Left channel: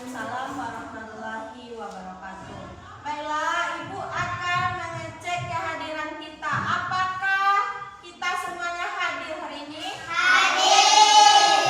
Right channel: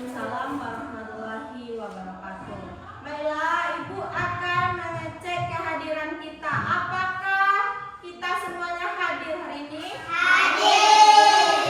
Waalaikumsalam warahmatullahi wabarakatuh. Baiklah, Ibu akan mengecek kehadiran kita. Apakah kita semuanya hadir hari ini? Hadir.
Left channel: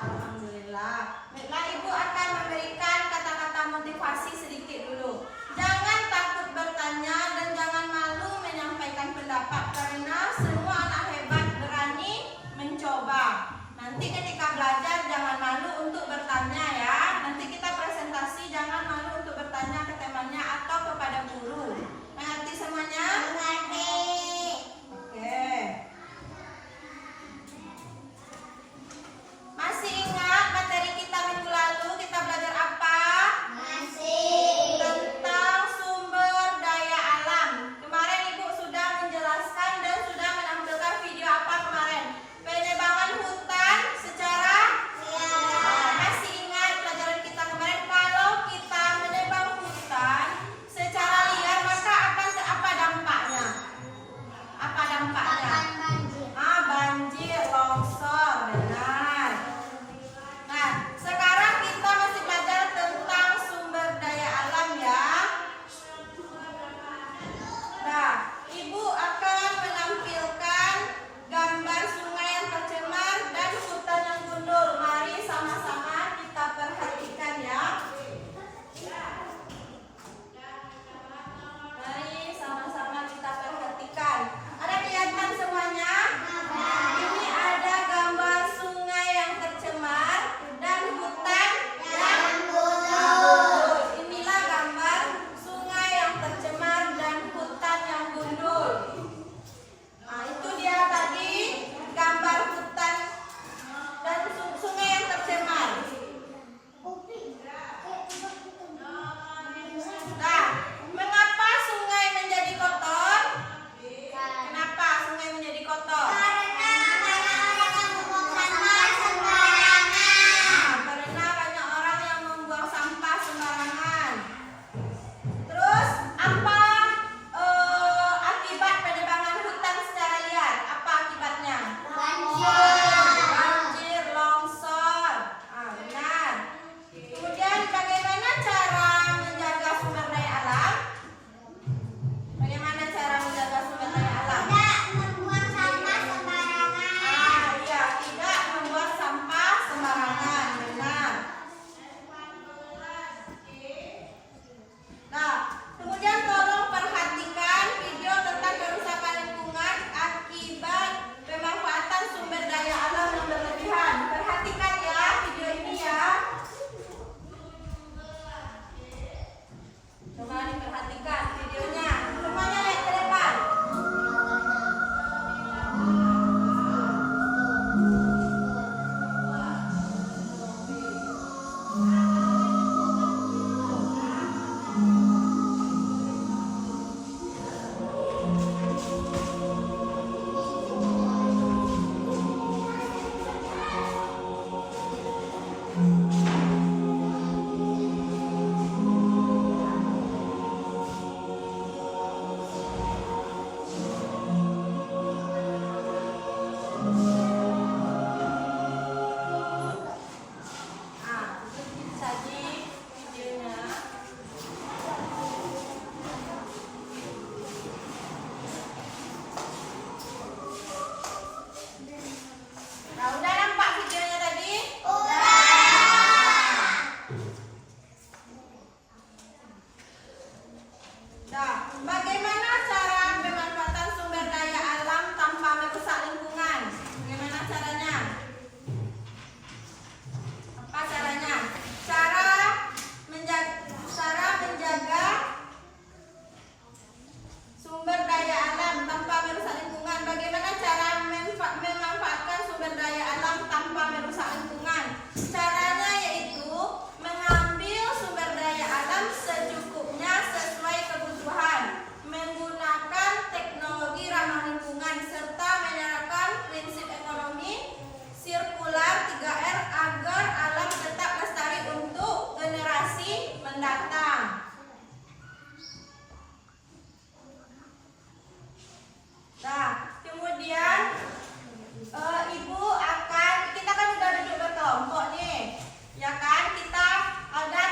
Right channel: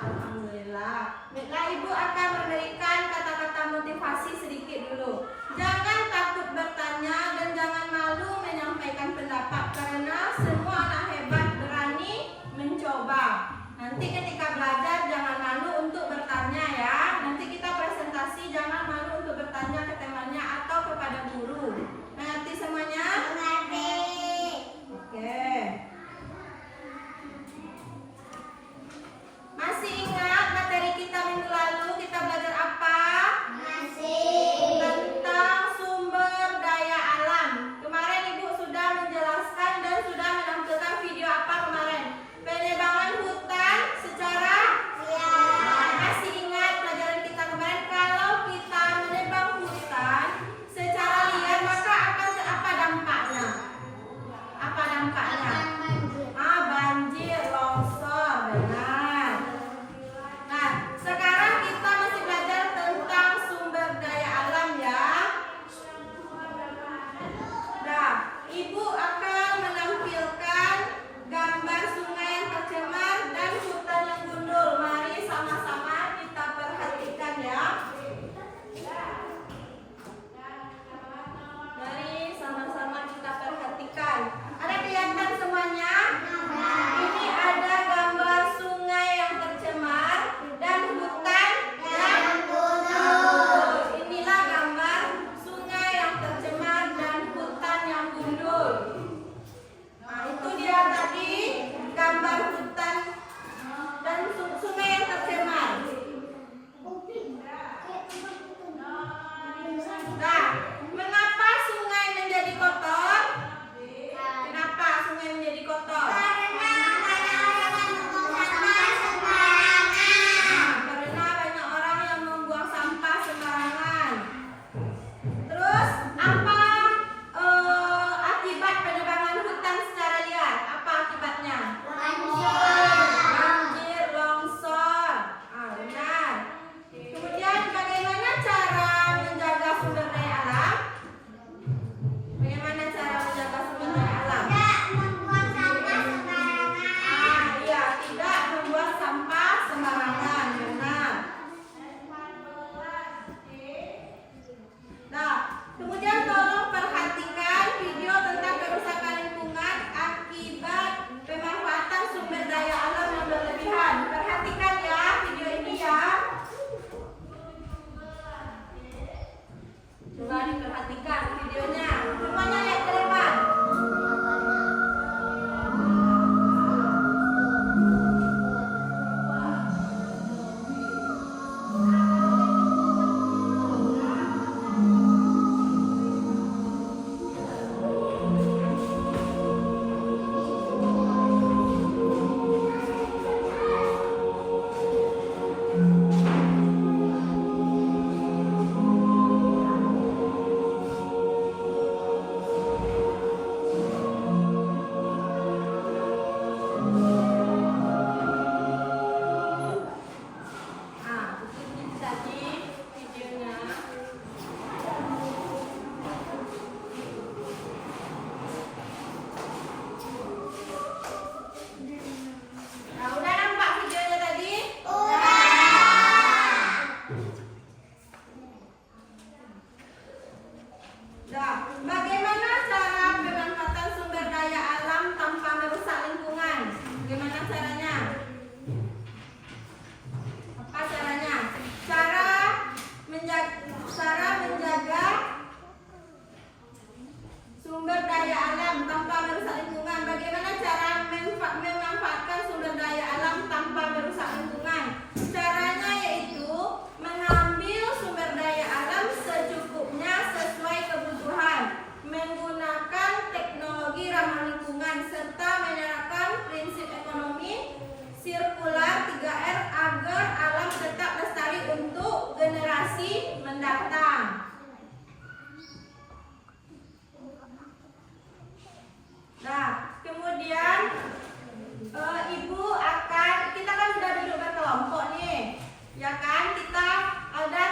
Alhamdulillah. Baiklah, Ibu akan memberikan kata-kata motivasi sedikit dulu. Jangan takut bertanya dan jangan malu menyampaikan pendapat karena semua anak hebat berani mencoba. Nanti ketika belajar jangan malu untuk bertanya ya. Nanti kita presentasi jangan malu untuk bertanya ke temannya atau kepada guru. Mengerti semuanya? Mengerti. Oke. Masih ingat materi kita minggu lalu kita belajar apa? Masih. Tentang sumber daya alam. Kemarin Ibu sudah menjelaskan dan sudah menampilkan video apa kemarin? Penebangan hutan secara masih ingat pelajaran kita kemarin, kalau kita menebang hutan secara liar maka akan apa dampaknya? Apa dampaknya? Banjir, longsor, benar. Nah, sekarang kita masih belajar tentang sumber daya alam ya. Nah, Ibu akan menampilkan gambar sungai yang tercemar dan hutan yang gundul. Mari sama-sama kita perhatikan ya. Mari sama-sama kita perhatikan. Ada kelihatan semuanya? Ini ada gambar sungai yang tercemar dan hutan yang gundul. Inilah gambar sungai yang tercemar dan hutan yang gundul. Nah, itu dia tadi gambar hutan dan sungai yang tercemar. Nah, mengapa sungai menjadi kotor? Kenapa sungai menjadi kotor? Karena banyak orang yang membuang sampah sembarangan. Terus apa akibat penebangan hutan secara liar? Apa akibatnya? Banjir, longsor. Benar. Kemudian bagaimana cara menjaga sumber daya alam? Bagaimana cara menjaga sumber daya alam? Tidak membuang sampah sembarangan. Iya, tidak membuang sampah sembarangan. Benar. Nah, kemudian tolong perhatikan video tentang kerusakan lingkungan akibat pemanfaatan sumber daya alam yang berlebihan. Perhatikan ya video ini ya. Coba diperhatikan videonya. Semuanya lihat ke depan. Nah, tadi videonya. Nah, udah nampak videonya tadi? Nah, bagaimana cara pemanfaatan sumber daya alam tanpa merusak lingkungan? Bagaimana caranya? Apa caranya? Cara menjaga sumber daya alam tanpa merusak lingkungan. Bagaimana cara memanfaatkan sumber daya alam tanpa merusak lingkungan? Caranya yaitu mengambil sumber daya alam secukupnya sesuai kebutuhan, menggunakan teknologi ramah lingkungan serta menerapkan prinsip ekonomi sirkular 3R agar alam tetap lestari untuk generasi mendatang. Nah, kemudian Ibu akan, kita kan udah duduk berkelompok nih, ya kan? Kita ada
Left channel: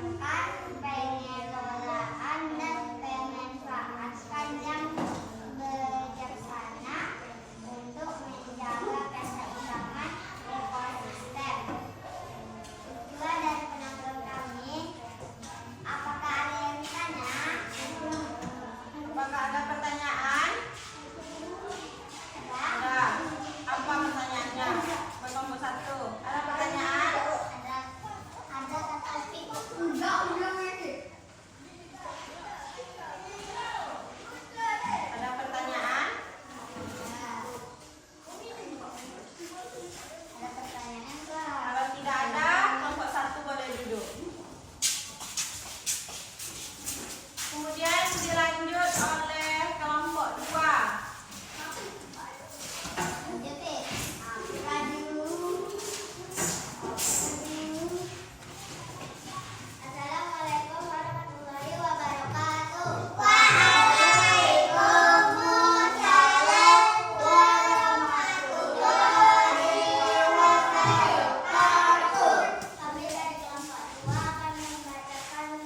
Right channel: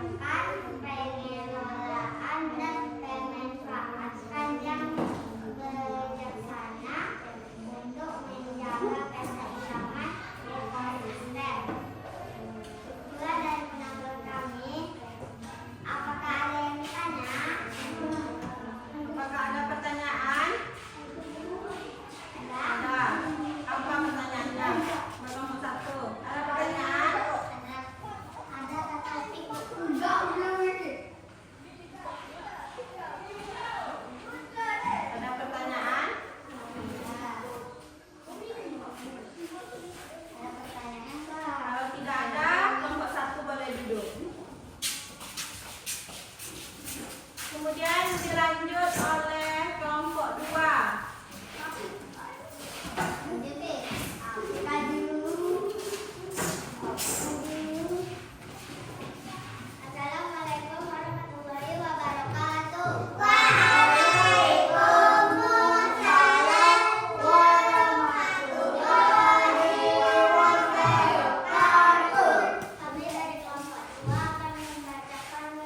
mengembangkan pengelolaan dan pemanfaatan yang bijaksana untuk menjaga keseimbangan ekosistem. Itulah dari penampilan kami. Apakah ada yang bertanya? Apakah ada pertanyaan? Ada. Apa pertanyaannya? Buat nomor 1. Ada pertanyaan? Ada tetapi enggak lagi. Ada pertanyaan? Ada pertanyaan enggak? Kalau tidak ada, kelompok 1 boleh duduk. Kemudian dilanjut oleh kelompok 2. Lanjut deh. Apa dulu? Assalamualaikum warahmatullahi wabarakatuh. Waalaikumsalam warahmatullahi wabarakatuh. Kami dari kelompok 2 akan membacakan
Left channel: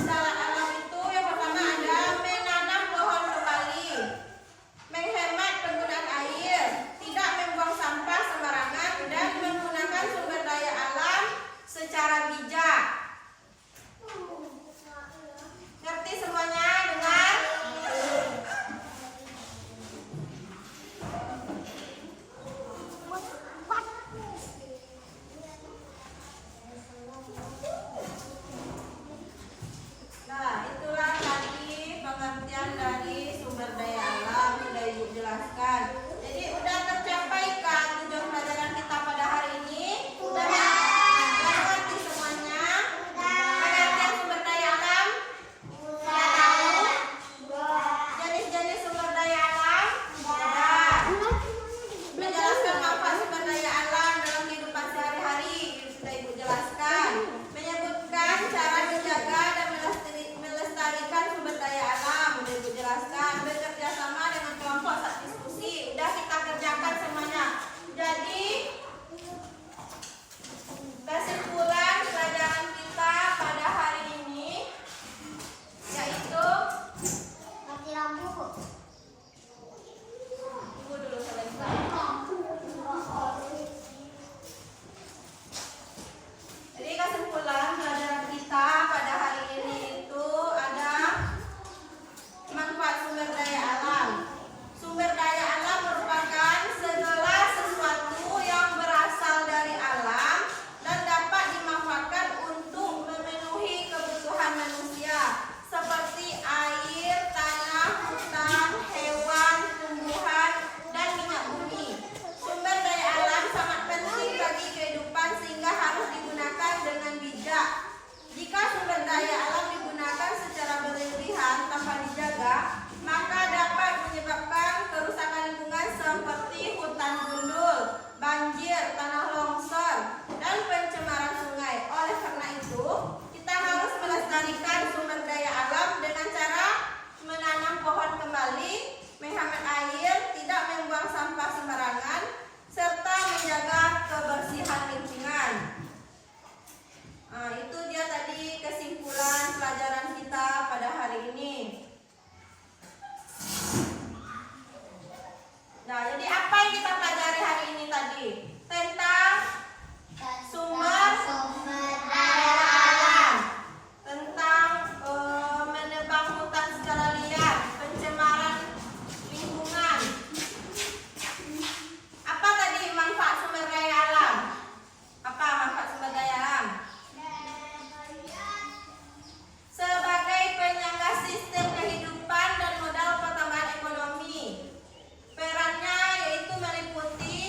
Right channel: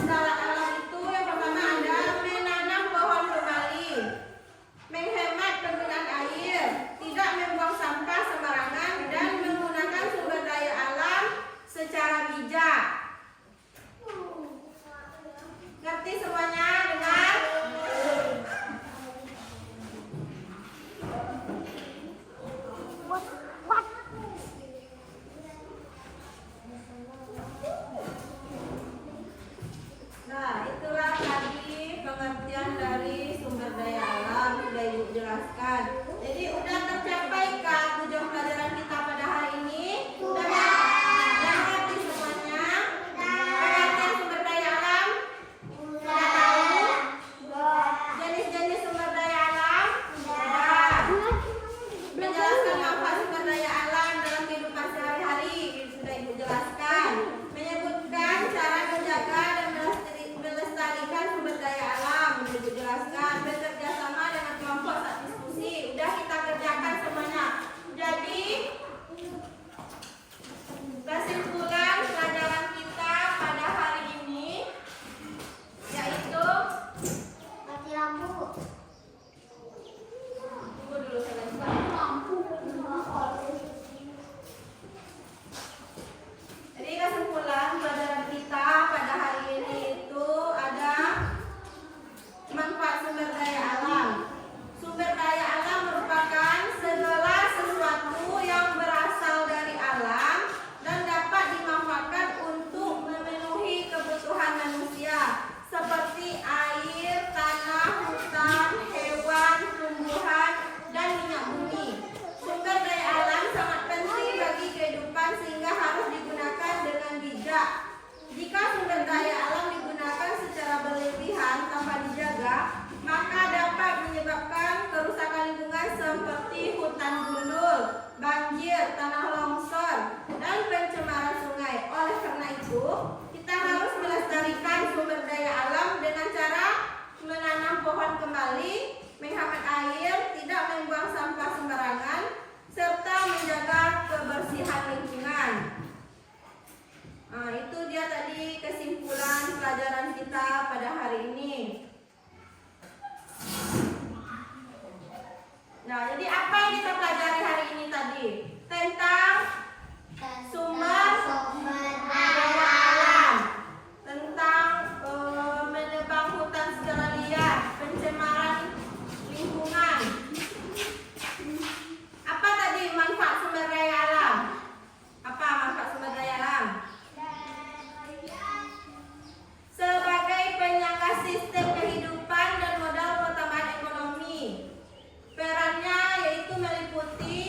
dalam alam itu yang pertama ada menanam pohon kembali, menghemat penggunaan air, tidak membuang sampah sembarangan, dan menggunakan sumber daya alam secara bijak. Ngerti semuanya? Dengar? Nah, itulah tadi pengertian dari sumber daya alam sudah Ibu jelaskan. Jadi udah tercapai kan tujuan pelajaran kita pada hari ini? Udah ngerti semuanya? Pengertian sumber daya alam? Sudah tahu? Jenis-jenis sumber daya alam? Sudah. Menjelaskan manfaat sumber daya alam dalam kehidupan sehari-hari sudah Ibu jelaskan. Menyebutkan cara menjaga dan melestarikan sumber daya alam sudah Ibu jelaskan. Bekerja sama dengan kelompok saat diskusi udah kita kerjakan semuanya. Jadi kesimpulan pelajaran kita pada hari ini yaitu Mati lampu. tunggu dulu sebentar. Jadi kesimpulan pelajaran kita pada hari ini itu ada manfaat sumber daya alam. Sumber daya alam merupakan segala sesuatu yang berasal dari alam dan dapat dimanfaatkan untuk memenuhi kebutuhan manusia seperti air, tanah, hutan, hewan, tumbuhan, dan minyak bumi. Sumber daya alam sangat penting bagi kehidupan sehingga harus digunakan dengan bijak. Jika sumber daya alam digunakan secara berlebihan tanpa dijaga, maka dapat menyebabkan kerusakan lingkungan seperti hutan gundul, banjir, tanah longsor, dan pencemaran sungai. Oleh karena itu, kita harus melestarikan sumber daya alam dengan cara menanam pohon kembali, menghemat air, tidak membuang sampah sembarangan, serta menjaga kebersihan lingkungan. Nah, itu dia tadi kesimpulan pelajaran kita pada hari ini. Nah, jadi apa yang kita pelajari hari ini tadi? Tentang sumber daya alam, tentang menebang hutan secara liar, pencemaran lingkungan. Apa tadi manfaat sumber daya alam? Apa manfaat sumber daya alam? Sebagai penyangga sistem kehidupan dan modal pertambahan ekonomi. Perannya yaitu meliputi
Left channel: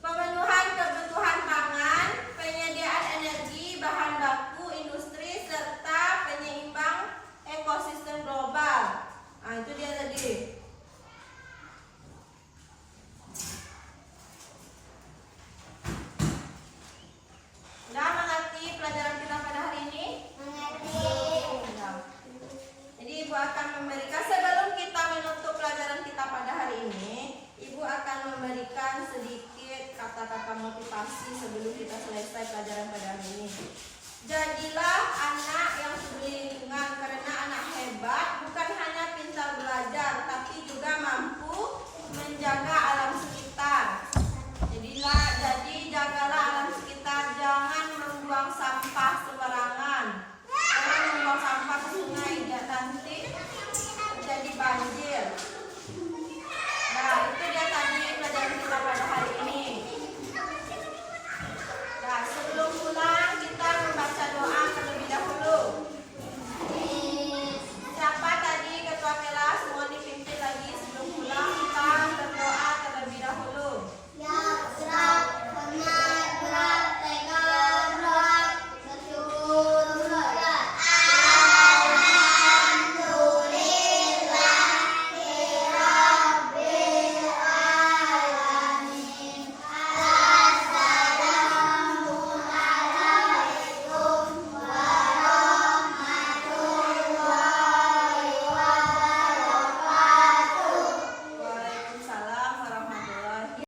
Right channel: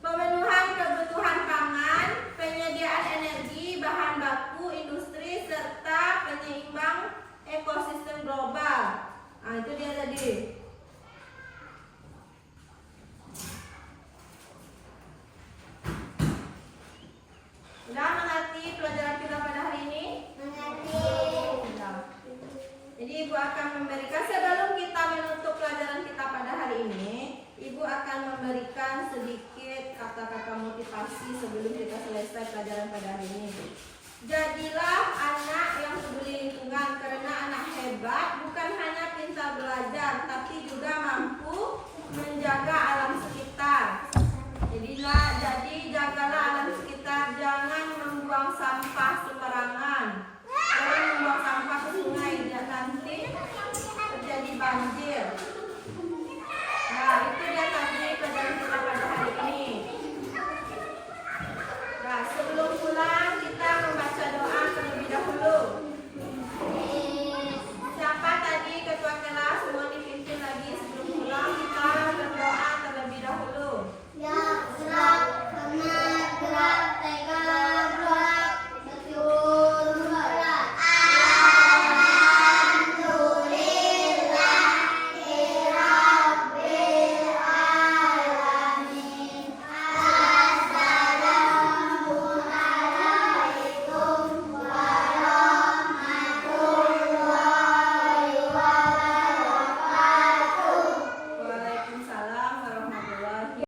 pemenuhan kebutuhan pangan, penyediaan energi, bahan baku, industri, serta penyeimbang ekosistem global. Nah, itu dia tadi. Sudah mengerti pelajaran kita pada hari ini? Jadi Ibu akan memberikan, sebelum kita menutup pelajaran kita pada hari ini, Ibu akan memberikan sedikit kata-kata motivasi sebelum kita selesai pelajaran pada hari ini. Jadilah